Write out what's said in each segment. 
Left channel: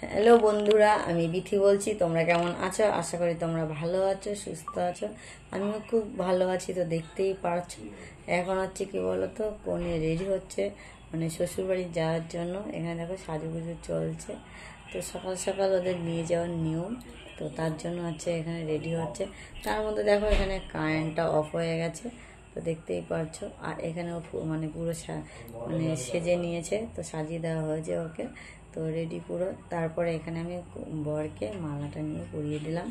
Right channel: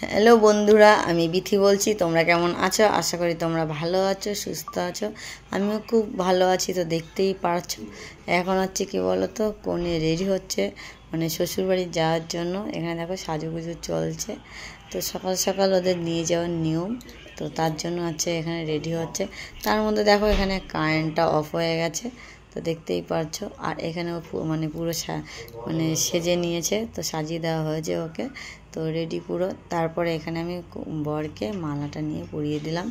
Hello বন্ধুরা, আমি বিথি বলছি। তোমরা কেমন আছো? আশা করি তোমরা ভালো আছো, সুস্থ আছো। আমিও খুব ভালো আছি। তো দেখতেই পারছো এখন হচ্ছে কি বলো তো, কনে রেডি হচ্ছে মানে শ্বশুরবাড়ি যাওয়ার জন্য। এখানে দেখো সাজুগুজু চলছে। তো সকাল সকাল ওদের নিয়ে যাওয়ার নিয়ম, তো তার জন্য হচ্ছে এখানে রেডি হচ্ছে। তার মধ্যে দেখো এখানে কারেন্টটা অফ হয়ে গেছে, তো দেখতেই পারছো। আর এখানেও মানে পুরো মানে সেজে নিয়েছে, তো সাজিয়ে দেওয়া হয়েছে ওকে, তো রেডি পুরো। তারপরে এখানে আমি বরকে মালাটা নিয়ে পরিয়ে দিলাম।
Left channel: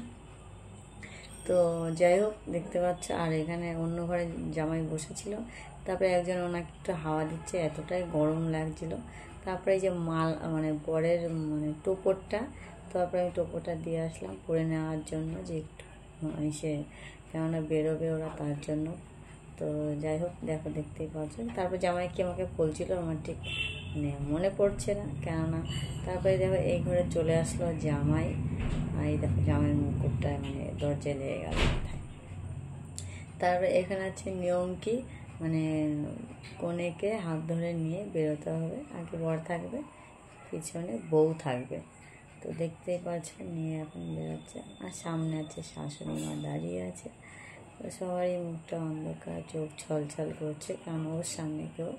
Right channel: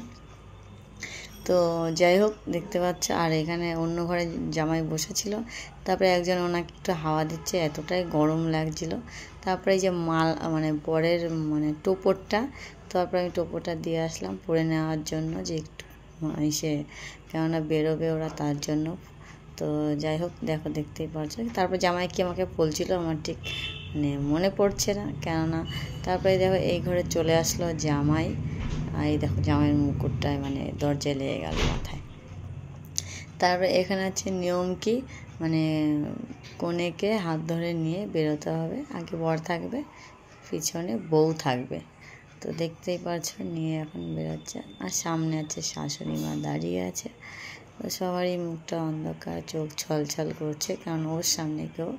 তো যাই হোক, দেখতে পাচ্ছ। আর এখানে অন্য ঘরে জামাই বসেছিল, তারপরে একজন ওনাকে একটু হাওয়া দিচ্ছে, এতটাই গরম লাগছিল। তারপরে এই যে মানে বরের মানে টোপরটা, তারপরে আমি টোপরটা দিয়ে আসলাম পরে নেওয়ার জন্য, যে একটু এসে কেননা বেরোবে ওরা, তার জন্য। তো যাই হোক, দেখো দেখতেই পাচ্ছ। তারপর জামাই কি আমাকে বলছিল আমার ঠিক মানে মনে পড়ছে না, কেননা তারপরে দেখো এই ঘরে চলে আসলো জামাই। আর এই দেখো জামাইয়ের মুকুটটায় মানে দরজায় লেগে গেল মাথায়। তারপরে এখানে আছে নিয়ম কি, মানে কনেকে হাত ধরে নিয়ে বেরোতে হবে। আগে বর থাকবে, পিছনে বউ থাকবে। তো দেখতেই পাচ্ছ নিয়ে এখন বেরোচ্ছে। আর সামনে আছে শাশুড়ি মা দাঁড়িয়ে আছে। তো সবারই মুখটা অন্ধকার, চোখ ছলছল করছে, কারণ ওর সামনে কেউ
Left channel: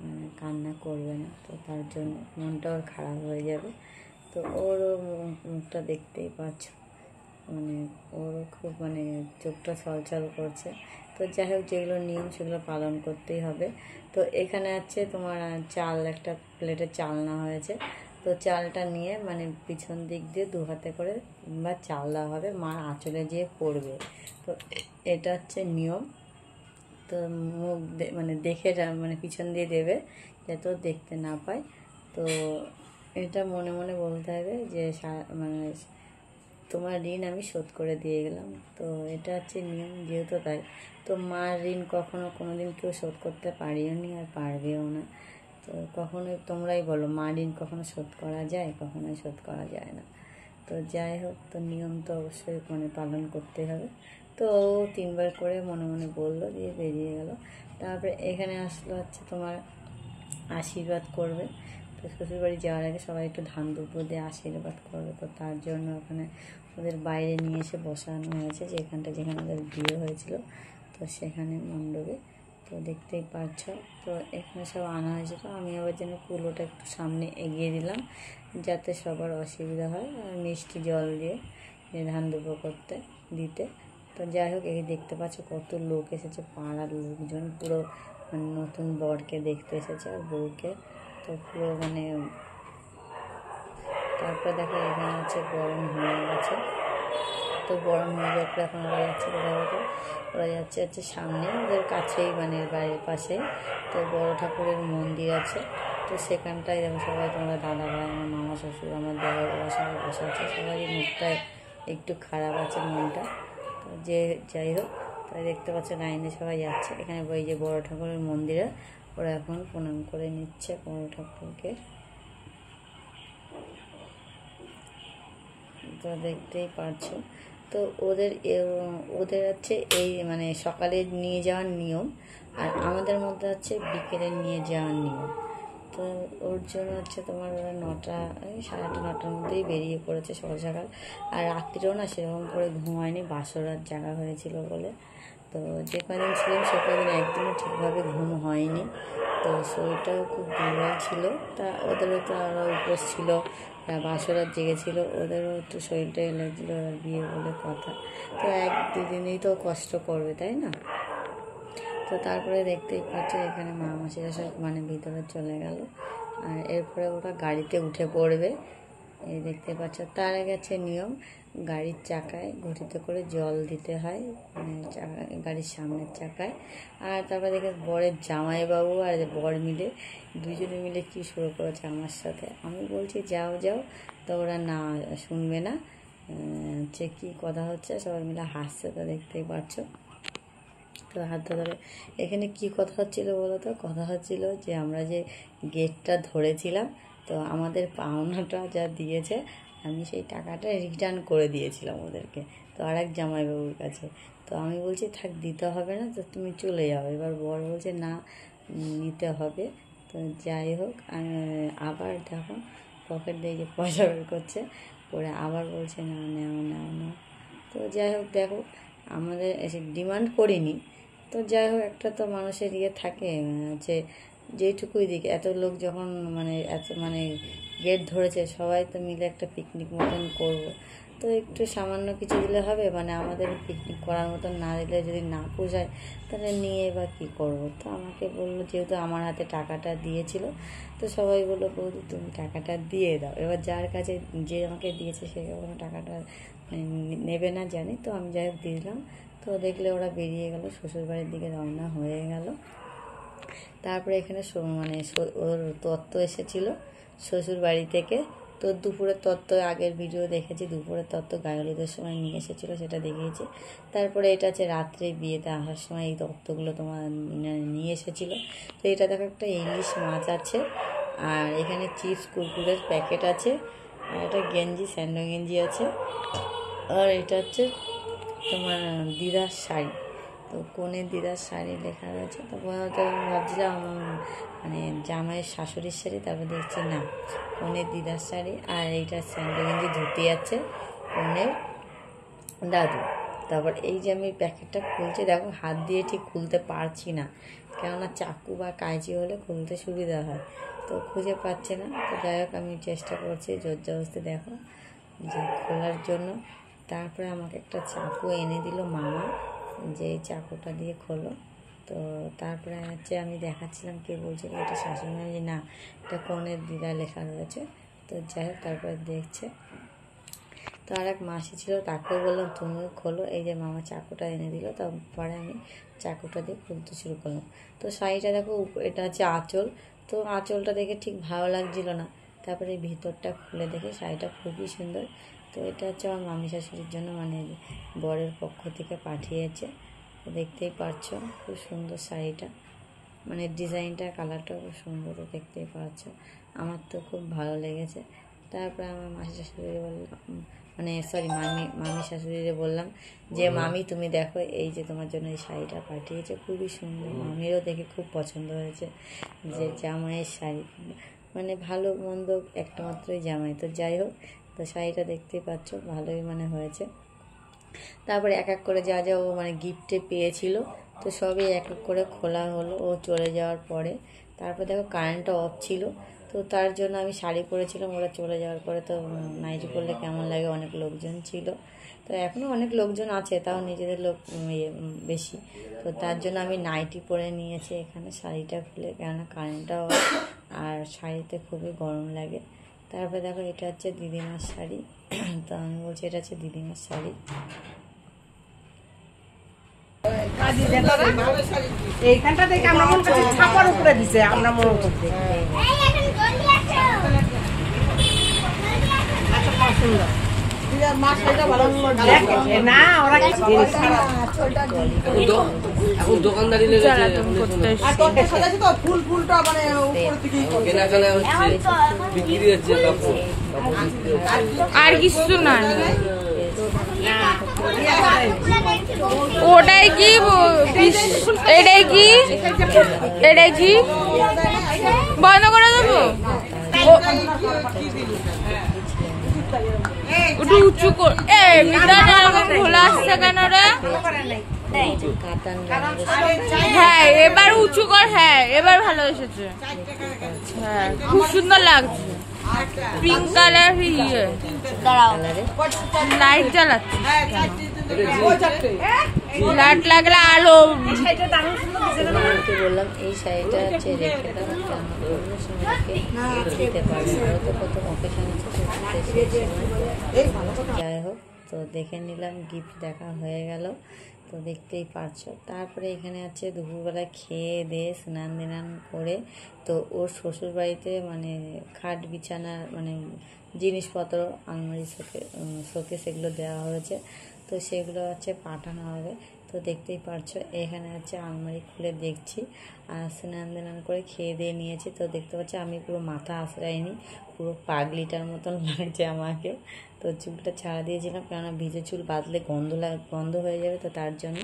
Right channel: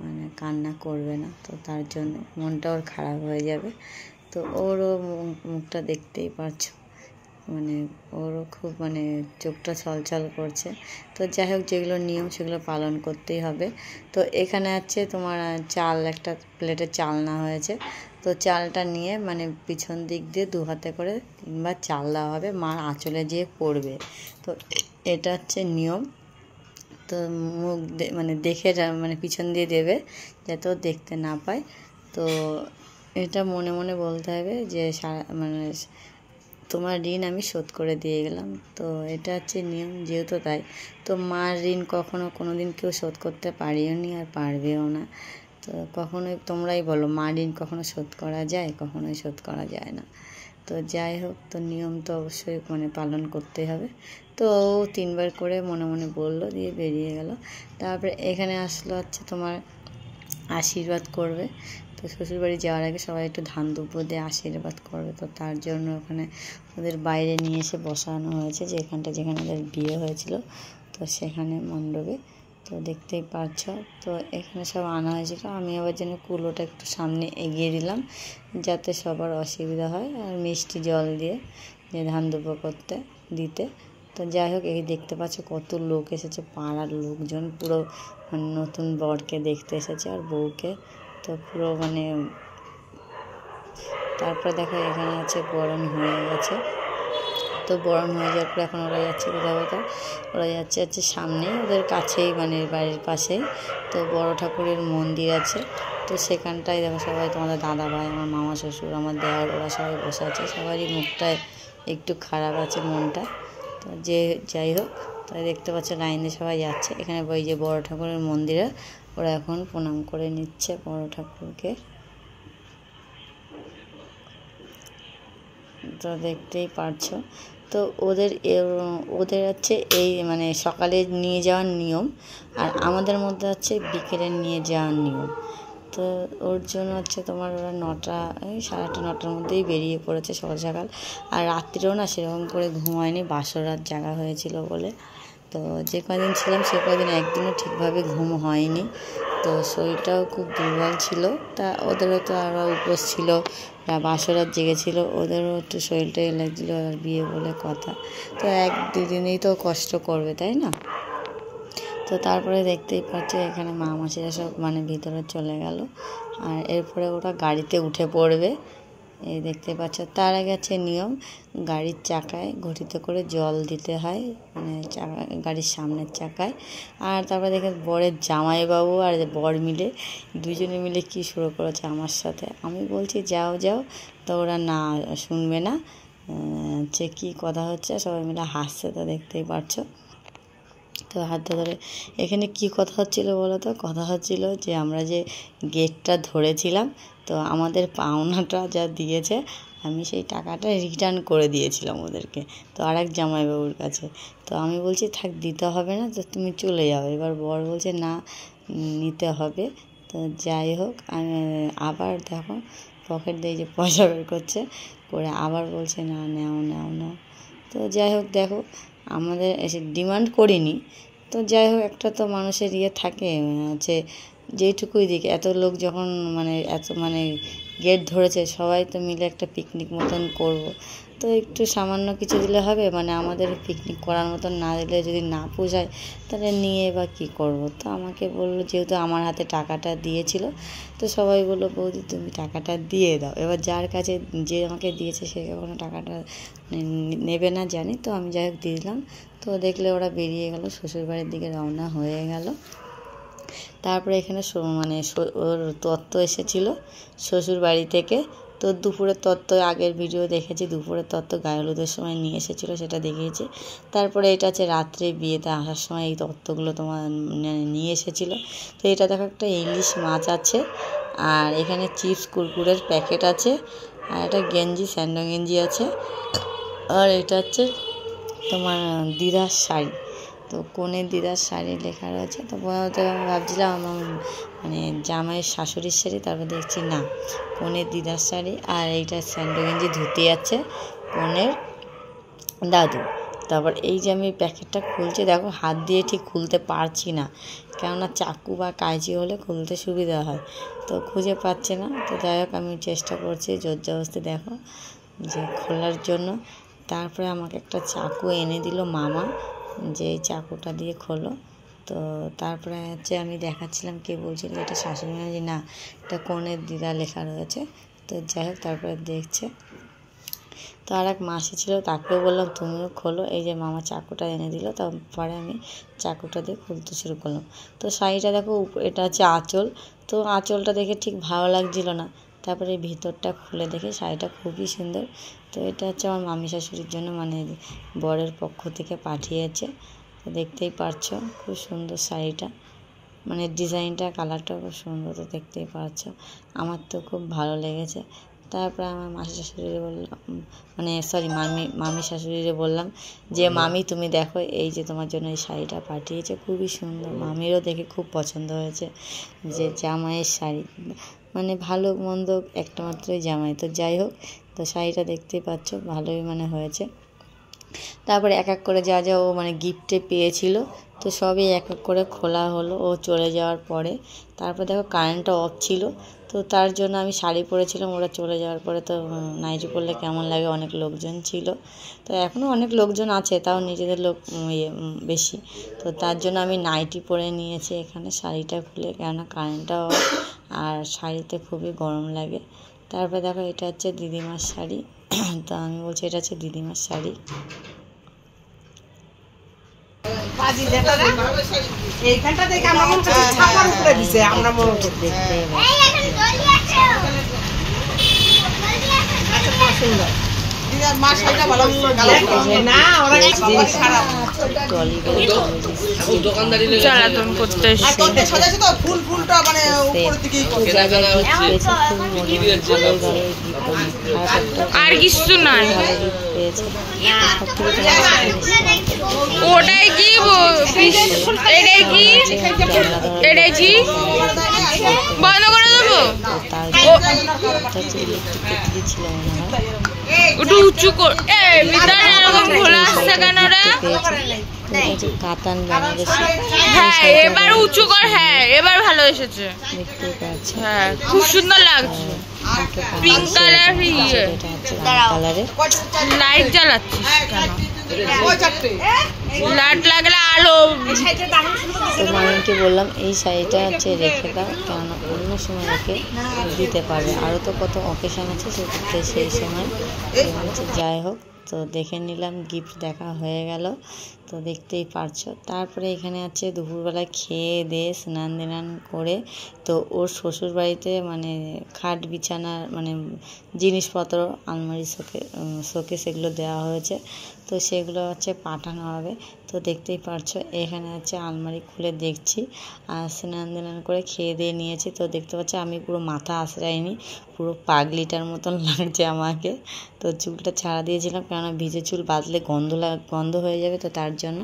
মানে কান্না করবে না, তো তার জন্য মনটা ওর খারাপ হয়ে যাবে। তো ওরও মুখটা দেখতেই পাচ্ছ, মানে ওরও খুব মানে চোখটা ছলছল করছে। তো যাই হোক, যেগুলো নিয়ম সেগুলো পালন করতেই হবে। তো এখানে আছে তোমার চাল, একটা প্লেটে চাল না হয়েছে। তো চালটা নিয়ে মানে পিছন দিক দিয়ে দু হাতে করে তিনবার চাল দেওয়া হবে, মার আঁচলে যেয়ে পড়বে। তো এটা হচ্ছে নিয়ম। তো মুখ মানে দেখে মানে পিছন দিয়ে দেবে, যাতে ও দেখতে না পায়। তো এটা মনে মনে বলতে হবে যে মানে তোমার ঋণ আমি শোধ করে দিয়ে গেলাম। তো এটা হচ্ছে নিয়ম, যেহেতু তাই। তো মার ঋণ কখনো কোনো দিন কেউ শোধ করতে পারিও নি, আর পারবেও না। তো কখনোই তোমরাই বলো, মা ঋণ কখনো শোধ করা যায়? কখনোই শোধ করা যায় না। তো যাই হোক, তো নিয়ম তো অবশ্যই মানে পালন করতে হবে। তো ও তিনবার করে মনে মনে বললো, দিয়ে বেরিয়ে গেল। তারপরে এখানে আসলো হচ্ছে তোমার আশীর্বাদ করবে। তো শ্বশুরবাড়ি যাওয়ার আগে সবাই একটু ধান দুব্বো দিয়ে আশীর্বাদ করবে। তো তার জন্য ওখানে ওদের বাইরে নিয়ে এসে বসানো হয়েছে, যে এখানটা যেখানে ওদের বিয়ে হয়েছিল, তো সেখানে মণ্ডপে। তো দেখতেই পাচ্ছ, তো এখানে সব আনা হয়েছিল। আমি আবার যেন কুলোটা একটু সামনে এগিয়ে দিলাম, যাতে সবার অসুবিধা হয়, আর মিষ্টি জল দিয়ে যে ধান দুব্বো করতে দিতে। তো যাই হোক, এই দেখতে পাচ্ছ কত লোক এসেছে, পাড়ার লোকজন পুরো নতুন বরকে দেখতে এসেছে আর বউকে। তো পুরো মানে তারপরে দেখো এখানে আছে বরণ হয়ে গেছে। তো বরণ হয়ে যাওয়ার পর এখন ওরা যাচ্ছে কোথাও কোথাও, ওরা যাচ্ছে সামনে ওদের কাছেই, মানে বাড়ির পাশেই তো বড় ঠাকুরের মন্দির আছে। তো সেখানটায় দেখো সবাই, তোমাদের দাদা ভাই, আমার মামা শ্বশুর, আমার দেওয়ার, ওরা সবাই বসে আছে। সবারই মুখটায় একটু খারাপ আছে মনটা। তো যাই হোক, তাই দেখতে পাচ্ছ লাইনে সবাই যাচ্ছে। এখানে ওই যে বড় ঠাকুরের মন্দিরে ওরা এখন প্রণাম করে নিচ্ছে বড় ঠাকুরকে। তো দেখতেই পারছো। তো ওদের হচ্ছে এই মানে সকালে নিয়ে যাওয়ার নিয়ম, আর আমাদের মধ্যে হচ্ছে বিকেলে নিয়ে যাওয়ার নিয়ম। তো ওর জন্য হচ্ছে তোমার ওরা 9টা, এই 8:30-9টার মধ্যেই বেরিয়ে পড়েছে সকাল সকাল। আর রাত্রিরেও না সেরকম করে ঘুমায়নি, বাসর রাত জাগা হয়েছিল বলে। তো যে কদিন ছিলাম সে কদিন একদিনও ঠিকভাবে ঘুম হয়নি। তো শরীরটাও খুব দুর্বল ছিল। তা ওদেরও তো আরও উপোস ছিল, বাসর রাত জেগেছিল, ওদেরও একটু শরীরটা লাগছিলো, আর বিয়ে বলে কথা। তো 1-2 দিনেই তো কষ্ট করবে, তাই না? তো তারপরে দেখতেই পাচ্ছ এখানে মামাসিরা সব মানে ভিতরে চলে গেল, আর এরপরে ওরা গাড়িতে উঠে পড়বে। এই দেখতে পাচ্ছ। তার আগে আছে নিয়ম, গাড়ির চাকায় ঘটিতে করে জল দিতে হয়, মানে গাড়ির সামনের চাকায়। আর তারপরে দেখে বরের জামাইবাবু আর বর মিলে দুজনে মিলে কি শুরু করেছে আমার সাথে। আমি বলছি যাও যাও, তো ওরা না শুনবে না, যে কী কথা হচ্ছে, সবাই মিলে হাসছে, তো দেখতেই পাচ্ছ। তো হাত ধরে এখানে কি কথা হচ্ছিল বলো তো? কথা হচ্ছিল যে আমরা যে গেটটা ধরেছিলাম, তো আমাদের পাওনাটা যা দিয়েছে আমি সেই টাকাটা রিটার্ন করে দিয়েছিলাম ওদেরকে, তো আরেক জামাইবাবুর কাছে। তো আমি বলছি থাক, দিতে হবে না, তো তুমি চলে যাও। এবার বর বলছে না, নিতে হবে। তো যাই হোক, আবার দেখো পকেট দিয়ে যে পয়সা বের করছে, করে আবার বলছে না নাও নাও নাও। তো যাই হোক দেখো, আমাদের এসে ডিমান্ড করিনি, তো যাই হোক একটা তো মানুষের থাকে হচ্ছে যেইটুকুই দিকে এত লোক যখন এত গেট ধরেছে, সবাই তো মিলে একটা পিকনিক মতন করব, তো একটু সামান্য কিছু দিলে হবে, আমাদের পিকনিক করার মতন না দিলে যদি না পোষায় তাহলে নিয়ে বা কী করব। তো আমাকে বললো, যেহেতু আমার হাতে টাকাটা দিয়েছিল, তো সবাই বললো বৌদি তুমি টাকাটা দিয়ে দাও। এবার যার কাছে যে আমাকে দিয়েছে সে কখনো টাকাটা নেবে না জানি, তো আমি যাই হোক দিয়ে দিলাম। তো দেখলে ওরা বেরিয়ে গেল, শ্বশুরবাড়ির দিকে রওনা হয়ে গেল। তারপরে এখানে ওর তত্ত্ব এসেছিল শ্বশুর বাড়ি থেকে, তো দুপুরের তত্ত্ব আগের ভিডিও দেখেছি, দুপুরের তত্ত্ব গায়ে হলুদের সময় নিয়ে এসেছিলো, সেটা দেখিয়েছি। তারপরে এটা আছে রাত্রে বিয়েতে আসার সময় এই তত্ত্বগুলো তোমার নিয়ে এসেছিলো। তো এটা দেখো একটা ইলিশ মাছ আছে, আর এখানে চিপস কুরকুরের প্যাকেট আছে, আর একটা গেঞ্জি স্যান্ডো গেঞ্জি আছে, আর এটা হচ্ছে তোমার দিদার শাড়ি। তো কনের দিদার শাড়ি লেখা রয়েছে। তো ভাবছিলাম জামাইয়ের শাশুড়ির শাড়ি, তারপর দেখছি না কনের দিদার শাড়ি। আর এইটা স্যান্ডো গেঞ্জি ধুতে আছে কনের দাদু। তারপর এই যে আমি প্যাকেটটা খুলছি, দেখো হাত দিয়ে ঠিক খুলতে পারছি না, কেননা চাকু বা কাঁচি হলে খুলতে সুবিধা হয়, তো খুঁজে পাচ্ছে না। তো যাই হোক আমি চেষ্টা করছি জোর জবরদস্তি দেখো যে খোলার জন্য। তারপরে আমাকে একটা চাকু এনে দিল মামা, যে চাকুটা দিয়ে খোলো। তো তারপরে হচ্ছে আমি দেখাচ্ছিলাম, কে বলছিল এটা শাশুড়ি মা, না এটা কনের দিদা লেখা রয়েছে। তো যাই হোক তারপরে দেখছে। তো আর এক মাসি ছিল, তাকেও বললাম তুমিও খোলো, এই যে মামা চাকুটা এনে দিল। তারপরে আমি চাকুটা দিয়ে খুলতে শুরু করলাম। তো শাড়িটা দেখো, এটা হচ্ছে আঁচল, তো আঁচলটা দেখে ঠিক ভালো লাগছিল না। তারপরে ভিতরটা খুলে দেখে শাড়িটা খুবই সুন্দর। তো এটা হচ্ছে আমার মামি শাশুড়ির জন্য, বরের পক্ষ থেকে পাঠিয়েছে। তো দেখতেই পারছো খুব সুন্দর শাড়িটা, ডিজাইনটা কালারটাও খুব সুন্দর, তো দেখতেই পারছো, আমার তো খুব ভালো লেগেছে। তারপরে আমার মাসি শাশুড়ি বললাম, মামি শাশুড়িরে বললাম যে মামি তুমি দেখো, এই যে তোমার জন্য এই শাড়িটা পাঠিয়েছে, খুবই সুন্দর। মামিরও দেখে খুব পছন্দ হয়েছে যে জামাইয়ের শাড়ি, ভালো মন্দ একটা মাত্রই জামাই। তো যাই হোক, তো শাড়িটা দেখতেই পাচ্ছ ভালোই হয়েছে। তারপরে এক এক করে যা যা ও গিফটে পেয়েছিল, তো সবই এক এক করে খোলা হলো ও চলে যাওয়ার পরে। তারপর দেখো কারেন্টটা অফ ছিল, তো তার জন্য আমি শাড়ি পরেছিলাম, ওরা চলে যাওয়ার পরে তো নাইটি পরলে কেমন লাগে, অনেক লোকজন ছিল। তো এখনও অনেক লোকজন আছে, তাও নিজেদের লোক বেশি, তো তার জন্য আমি নাইটি পরে নিয়েছি এখানে শাড়িটা খুলে, কেননা কারেন্টটা অফ, আর শাড়িতে খুবই গরম লাগে। তারপরে দেখো এটা হচ্ছে দিদিমার শাড়ি, তো আমি বলছি এটা হচ্ছে দিদিমার শাড়ি। এইখানটা দেখে আমরা কিন্তু ছাপার উপরে দিছে, আমরা বড় দেখতে সুন্দর। আর কিছু নাই, ওটাই কি এটাই কি এটাই কি বন্ধ করে দেবো, একটু উঁচু কর, খোলা আসছে কেন রে? হ্যাঁ এবার উঁচু কর, হ্যাঁ এবার ভালো এসেছে, হ্যাঁ খুব সুন্দর লাগছে। পিঙ্ক কালার, লাইট জ্বালাচ্ছিস কেন? লাইট লাগলে আলো। মামিকে বললাম এই শাড়িটা হচ্ছে রেখে দাও, কারণ অন্য সময় রেখে দিতে পারবে, আরও তো কত অকেশন আছে সেটাতে সেই সময়। যাই হোক, তো দেখে নিলাম, গিফট দেখা হয়ে গেল, তো দেখতেই পারছো। তারপরে এখানে আছে দুপুরবেলায় খেয়ে দিয়ে স্নান দিনান করে, তো ওর শ্বশুর বাড়িতে খাট বিছানার জিনিসপত্র আলমারি শোকে সেগুলো দেওয়া হয়েছে, তো সেগুলো হচ্ছে পাঠানো হবে। তো দেখতেই পারছো এখানে আছে আলমারি খুলে দেখছি, আর স্নান দান করে খেয়ে দিয়ে নিয়েছি। তো দেখতে পাচ্ছি আমি পুরো মাথা আঁচড়াইনি, পুরো পাগলিটার মতন লাগছে আমাকে। তো চুলটা ছাড়া দিয়েছিলাম, কেননা ভিজে চুল বাঁধলে গন্ধ হয়ে যাবে, তো তার জন্য।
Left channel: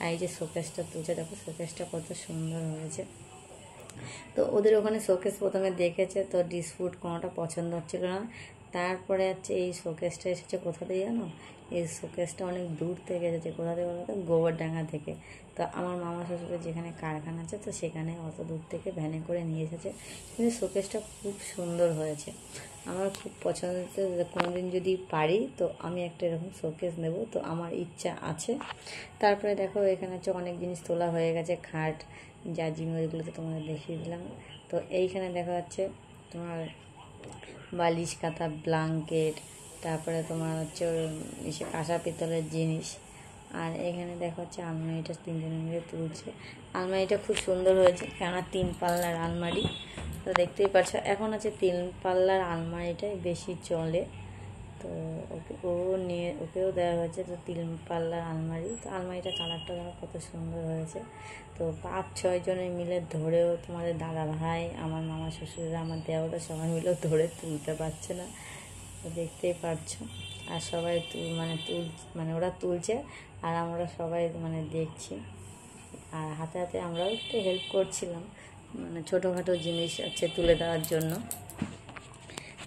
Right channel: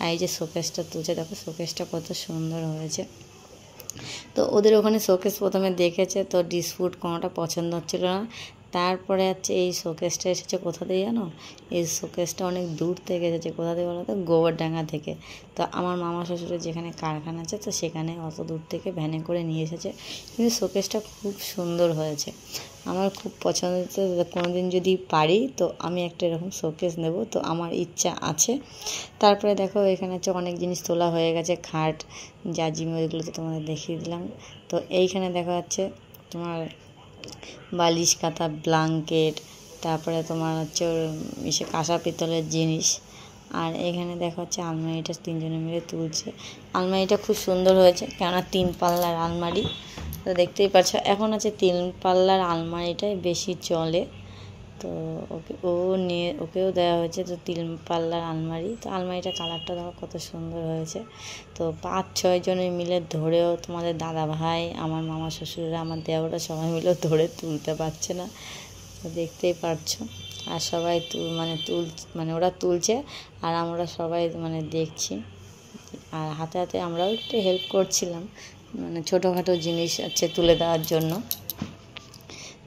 আর এই যে শোকেসটা তুলছে, দেখো শোকেসটা কত সুন্দর হয়েছে। তো ওদের ওখানে শোকেস প্রথমে দেখেছে, তো ডিসপুট কোনোটা পছন্দ হচ্ছিল না। তারপরে হচ্ছে এই শোকেসটা এসেছে কোথা থেকে জানো, এই শোকেসটা অনেক দূর থেকে এসেছে। কোথা থেকে বলো তো, গোবরডাঙ্গা থেকে। তো আমার মামা শ্বশুরের যেখানে কারখানা আছে, তো সেখানে অত দূর থেকে ভ্যানে করে নিয়ে এসেছে। কিন্তু শোকেসটা খুব সুন্দর হয়েছে, আমার খুব পছন্দ হয়েছে। কোনোদিন যদি পারি তো আমি একটা এরকম শোকেস নেব, তো আমার ইচ্ছা আছে। তারপরে দেখো এখানে হচ্ছে অনেক জিনিস তোলা হয়ে গেছে, খাট জাজিম ওইগুলো তো তোমাদের দেখিয়ে দিলাম। তো এইখানে দেখা যাচ্ছে তোমার বালিশ কাঁথা, ব্ল্যাঙ্কেট, তারপরে তোমার হচ্ছে ওর ইসে কাঁসা পিতলের জিনিস। আর এখানে দেখা হচ্ছে আলমারিটা তিনজনে মিলে তুলছে। আলমারিটা খুব সুন্দর হয়েছে, কেননা 3 পাল্লার আলমারি। তো দেখতেই পাচ্ছ, এখন আছে 3 পাল্লার আলমারিটাই বেশি চলে। তো ওকেও দেওয়া হয়েছে তো 3 পাল্লার আলমারি। তো আলমারিটা কালারটা দেখো কত সুন্দর হয়েছে। তো 5-6 জনে মিলে ধরেও, তোমাদের দাদা ভাই, আমার মামা শ্বশুররা, আমার দেওরা সবাই মিলে ধরে তুলতে পারছে না। তো দেখতেই পারছো। আর সবাই মানে ওরা তুলছে আর আমরা সবাই মানে দেখছি। আর হাতে হাতে আমরাও একটু হেল্প করছিলাম, মানে ছোটোখাটো জিনিস আছে তুলে দেওয়ার জন্য।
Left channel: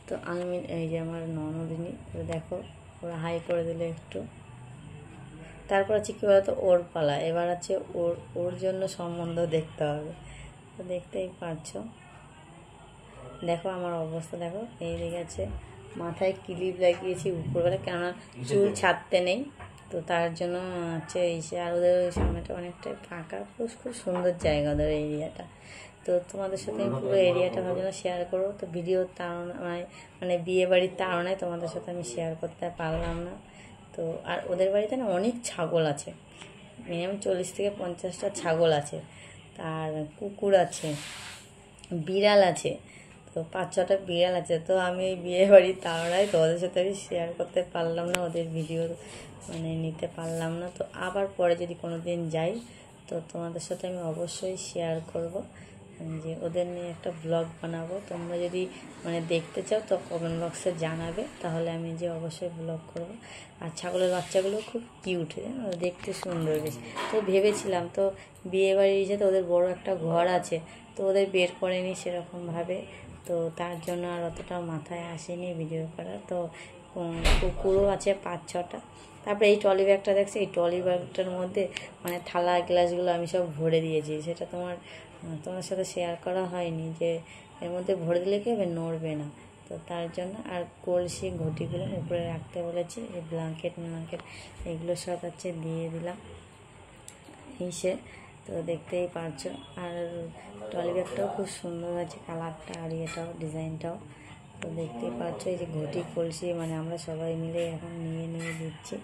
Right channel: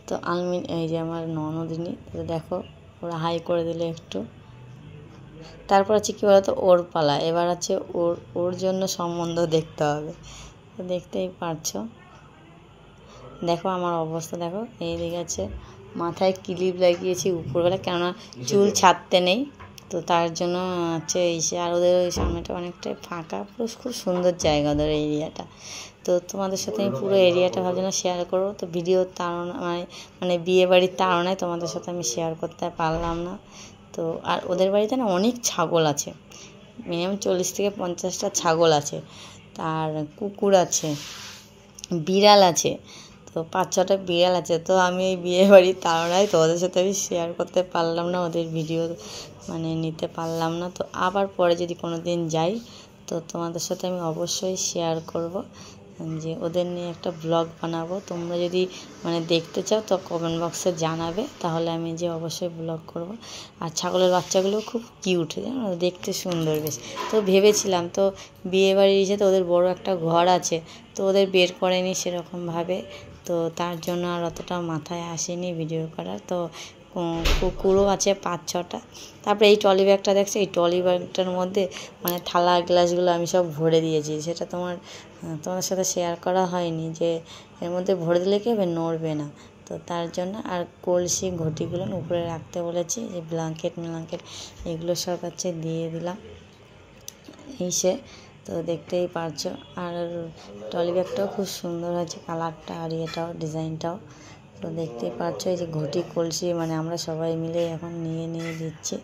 তো এই যে আমার ননদিনী, তো দেখো ওরা হাই করে দিলে একটু। তারপর হচ্ছে কী বলতো, ওর পালা। এবার আছে ওর জন্য সম্বন্ধ দেখতে হবে। তো দেখতেই পারছো, দেখো আমার অবস্থা দেখো। এইদিকে আছে মাথায় ক্লিপ লাগিয়েছি উপরবেলা, কেননা চুল ছাড়তে নেই। তো তার জন্য হচ্ছে আর ওদের ওই সামনেটা অনেকটাই ফাঁকা, পুরো খুব সুন্দর জায়গা ওদের এরিয়াটা। তো তোমাদের সাথে আমি পুরো এরিয়াটা ভাবছিলাম শেয়ার করবো, তো ভিডিও মানে বিয়ে বাড়ির তাড়নায় তোমাদের সাথে আমি শেয়ার করতে পারলাম না। তো আর ওদের বাড়িতে না অনেক ছাগল আছে, মিনিমাম 40 থেকে 50টা ছাগল আছে, আর কুকুর আছে, বিড়াল আছে, তো 5-6টা বিড়াল আছে। তো আমি এই বিয়ে বাড়ির তাড়নায় তোমাদের সাথে আমি শেয়ার করতে পারলাম না, ওদের ভিডিও মানে নিতে পারলাম না। তো আবার পরে যদি কোনো দিন যাই, তো তোমাদের সাথে আমি অবশ্যই শেয়ার করব, যে ওদের নিয়ে একটা ব্লগ বানাবো। তোমরা যদি মানে দেখতে চাও তো কমেন্ট বক্সে জানাবে, তাহলে আমি যে অবশ্যই ব্লগ করব। আর ছাগলের বাচ্চাগুলো খুব কিউট, দেখতে সুন্দর বেশ। তো ভেবেছিলাম, তো বিয়েবাড়ির তো ওদের বড় একটা ঘর আছে, তো ওদের বের করেনি সেরকমভাবে, তো তার জন্য আর অতটা মাথায় আসেনি ভিডিও করার। তো কুকুরও আছে 5-6টা। তারপরে এই ট্রলি ব্যাগটা দেখছি, এই ট্রলি ব্যাগটার মধ্যে মানে থালা গ্লাসগুলো আমি সব ভরে দিয়েছি। সেটা তোমার সাথে শেয়ার করা হয়নি, যে এর মধ্যে ভরে দিলে কি হবে, নড়বে না। তো তার জন্য আর কলসি ঘটিগুলো উপরে রাখতে বলেছি, যে ব্ল্যাঙ্কেট এগুলো সব হচ্ছে দিয়ে দিলাম তো দেখতেই পারছো। আর ট্রলি ব্যাগটাও খুব সুন্দর হয়েছে, কালারটা আর এটাও ডিজাইনটাও। তো দেখতেই পাচ্ছ, এই যে ঘটি কলসি মানে আমরা সবাই মিলে এখন নিয়ে দিচ্ছি।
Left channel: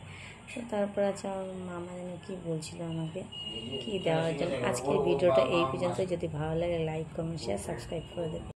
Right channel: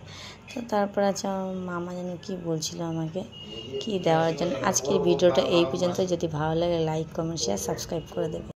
তো তারপর আছে মামা যেন কী বলছিল আমাকে কি দেওয়ার জন্য। আজকের ভিডিওটা এই পর্যন্ত। যদি ভালো লাগে লাইক, কমেন্ট, শেয়ার, সাবস্ক্রাইব করে দেবে।